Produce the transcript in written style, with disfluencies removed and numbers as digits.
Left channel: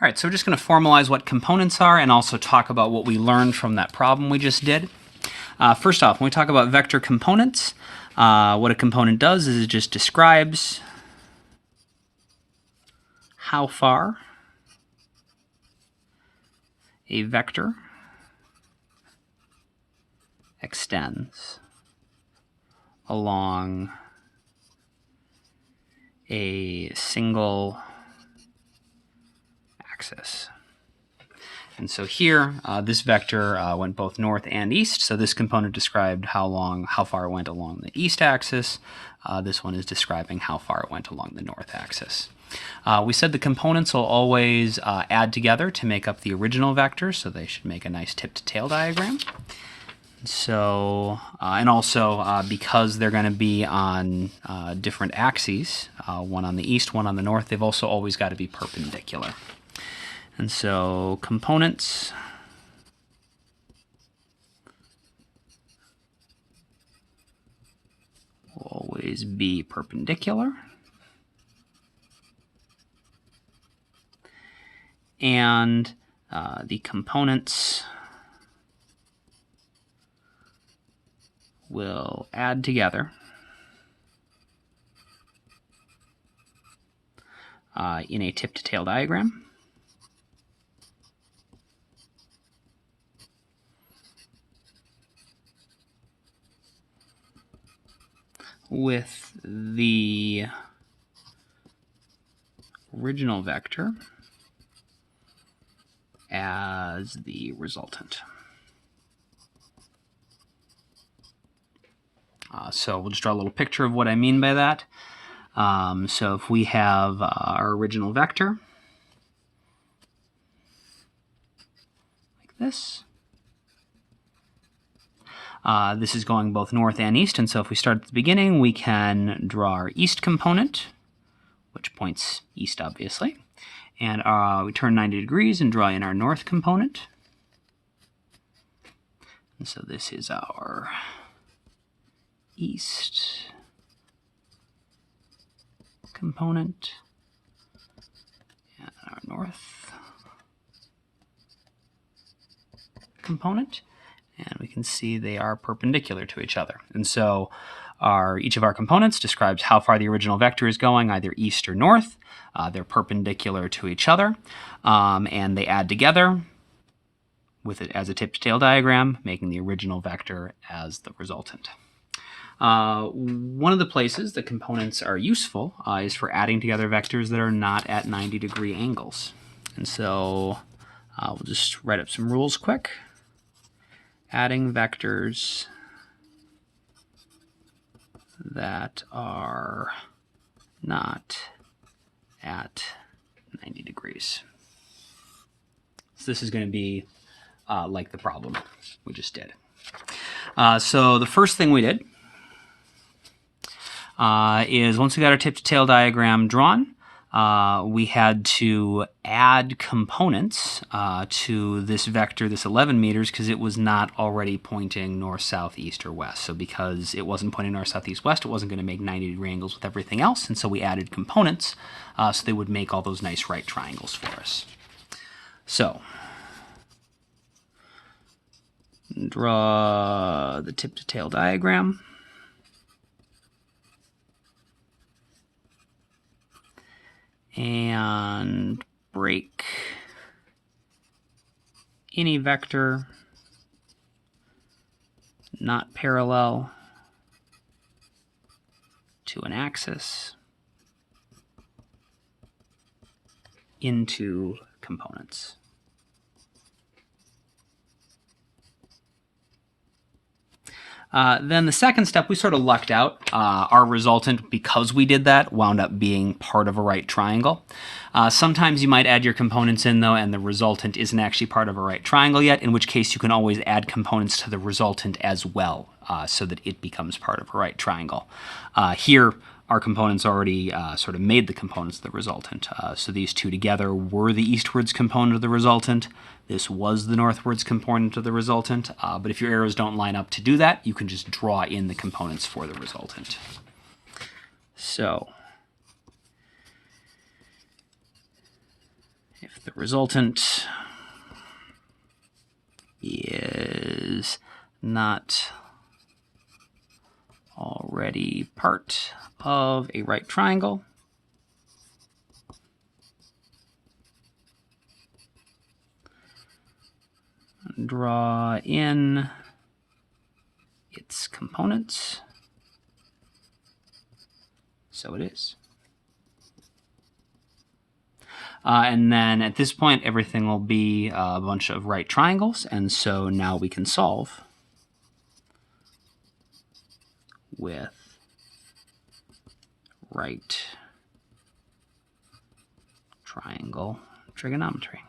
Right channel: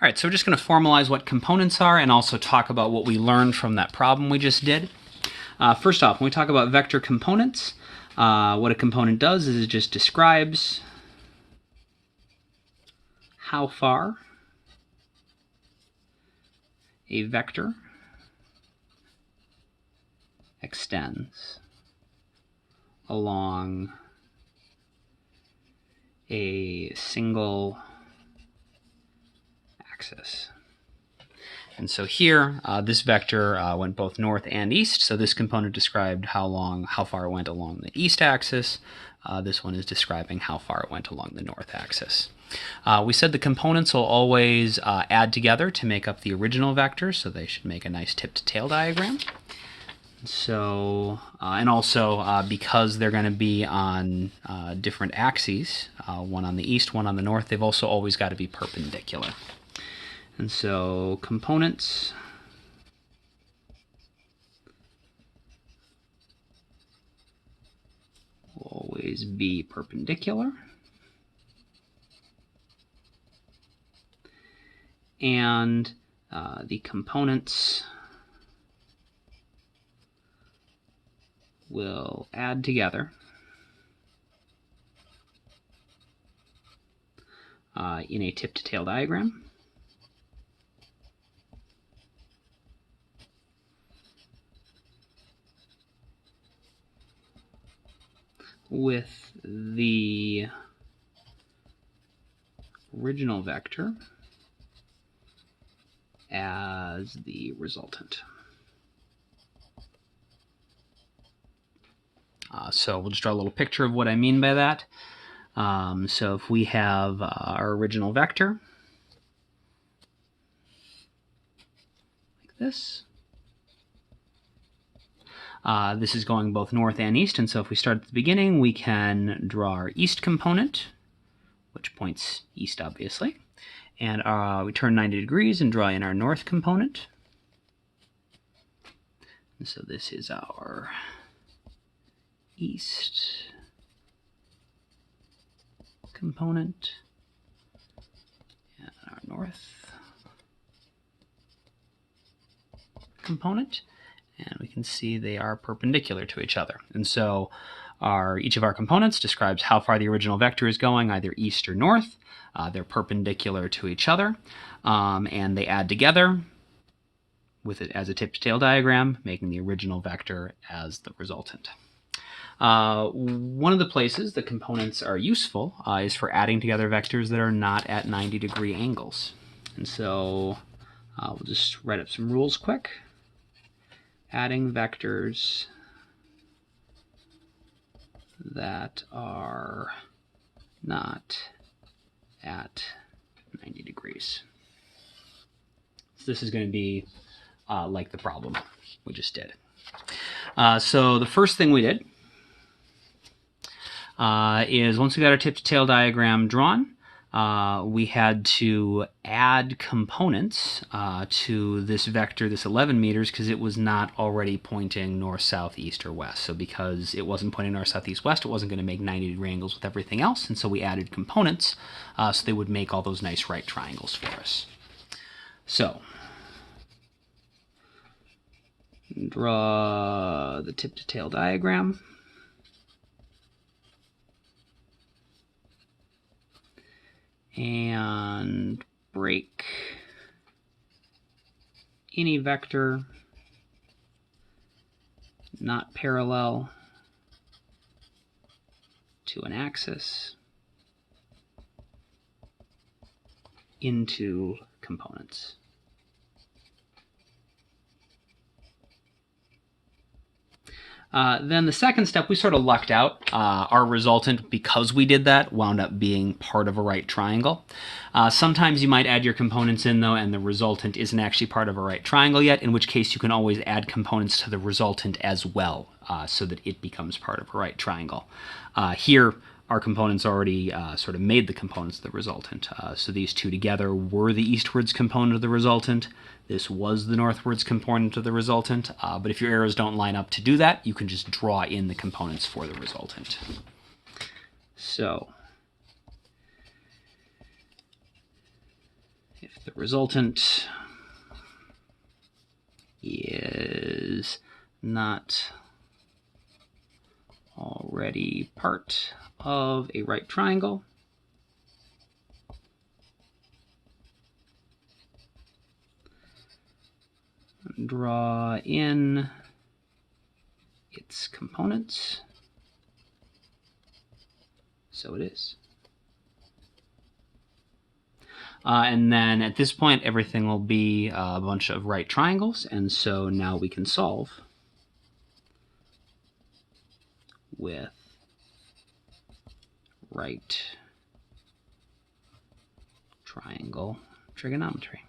All right, so we're just going to formalize what components are and also talk about what we learned from that problem we just did. First off, when we talk about vector components, what a component does is it just describes how far a vector extends along a single axis. And so here, this vector went both north and east. So this component described how far it went along the east axis. This one is describing how far it went along the north axis. We said the components will always add together to make up the original vector, so they should make a nice tip-to-tail diagram. So, and also because they're going to be on different axes, one on the east, one on the north, they've also always got to be perpendicular. And so components will always be perpendicular. And the components will add together in a tip-to-tail diagram. With the original vector as the resultant. So we'll just draw a little picture of what I mean by that. So if we have our original vector, like this. This is going both north and east, and so if we start at the beginning, we can draw our east component, which points east, obviously. And we turn 90 degrees and draw in our north component. And so this is our east component and our north component. And we can see they are perpendicular to each other. And so each of our components describes how far the original vector is going, either east or north. They're perpendicular to each other, and they add together with it as a tip-to-tail diagram, making the original vector as the resultant. One of the places the components are useful is for adding together vectors that are not at 90-degree angles. And so we'll just write up some rules quick. Adding vectors that are not at 90 degrees. So this is going to be like the problem we just did. So the first thing we did is once we got our tip-to-tail diagram drawn, we had to add components to this vector, this 11 meters, because it was not already pointing north, south, east, or west. So because it wasn't pointing north, south, east, west, it wasn't going to make 90-degree angles with everything else, and so we added components so they would make all those nice right triangles for us. So draw the tip-to-tail diagram. And break any vector not parallel to an axis into components. Then the second step, we sort of lucked out. Our resultant, because we did that, wound up being part of a right triangle. Sometimes you might add your components in, though, and the resultant isn't actually part of a right triangle yet, in which case you can always add components to the resultant as well, so that it becomes part of a right triangle. Here, our components already sort of made the components of the resultant. So these two together were the eastwards component of the resultant. This was the northwards component of the resultant. But if your arrows don't line up to do that, you can just draw in the components for the resultant. So if the resultant is not already part of a right triangle, draw in its components. So it is. And then at this point, everything will be a bunch of right triangles. And so now we can solve with right triangle trigonometry.